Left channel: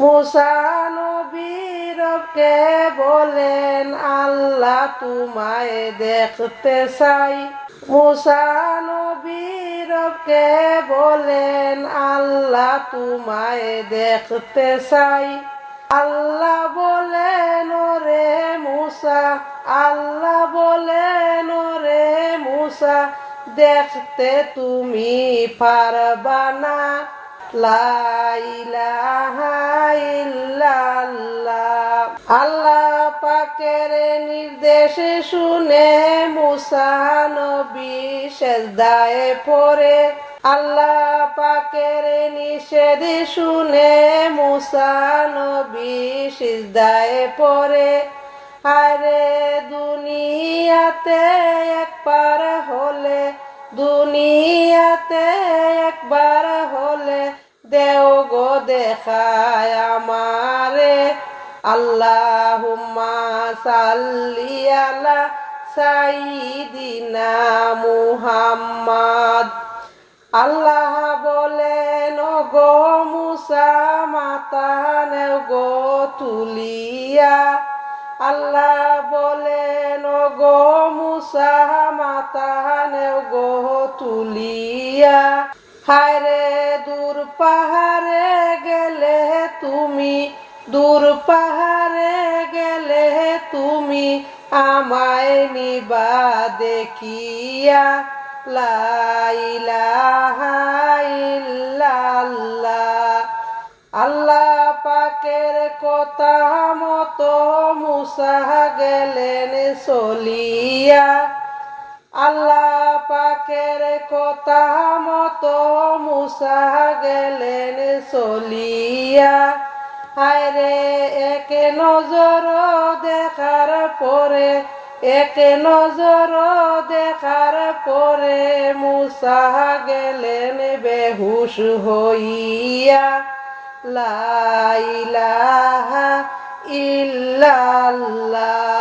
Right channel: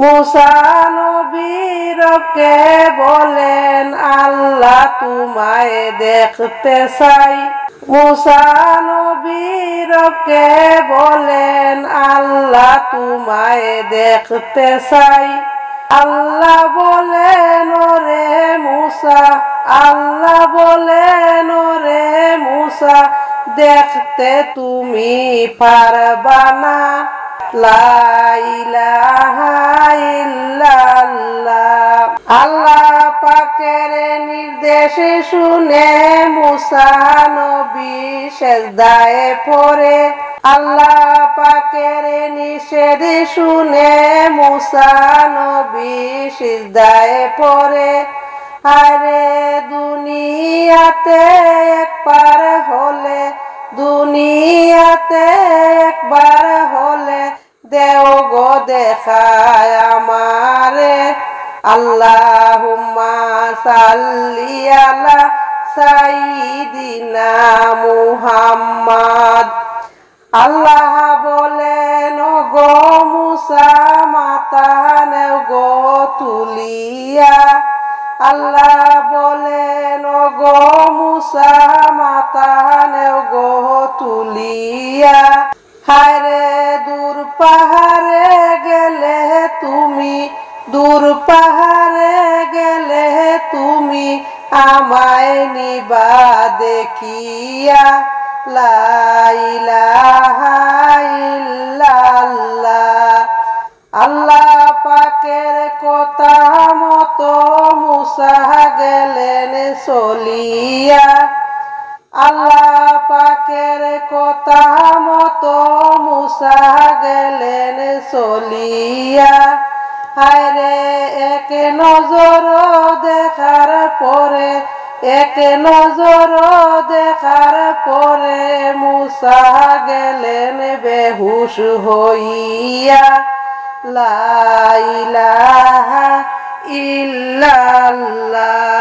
মুসা নবী রবকে বলেন আল্লাহ তোমায় দেখতে চাই। মুসা নবী রবকে বলেন আল্লাহ তোমায় দেখতে চাই। আল্লাহ বলেন ওরে মুসা, আল্লাহ বলেন ওরে মুসা দেখতে তুমি পারবা না। লা ইলাহা ইল্লাল্লাহ। আল্লাহ পাকের নির্দেশ শুনে মুসা নবী সেজদায় পড়ে। আল্লাহ পাকের নিষেধ শুনে মুসা নবী সিজদায় পড়ে। আরে দুনিয়াতে একবার হলে, দুনিয়াতে একবার হলে দেও গো দেখায় আমারে। আল্লাহুম্মা সাল্লি আলা সাইয়্যিদিনা মুহাম্মাদ। আল্লাহ বলেন গো মুসা মাথা নেও গো তুলিয়া। আল্লাহ বলেন গো মুসা মাথা নেও গো তুলিয়া। হায়রে দূর পাহাড়ে গেলে তুমি, দূর পাহাড়ে গেলে তুমি আমায় নিবা দেখিয়া। লা ইলাহা ইল্লাল্লাহ। আল্লাহ পাকের কথা মতো মুসা গেলেন চলিয়া। আল্লাহ পাকের কথা মতো মুসা গেলেন চলিয়া। হায়রে এক নজর দেখার পরে, এক নজর দেখার পরে মুসা গেলেন বেহুশ হইয়া। লা ইলাহা ইল্লাল্লাহ।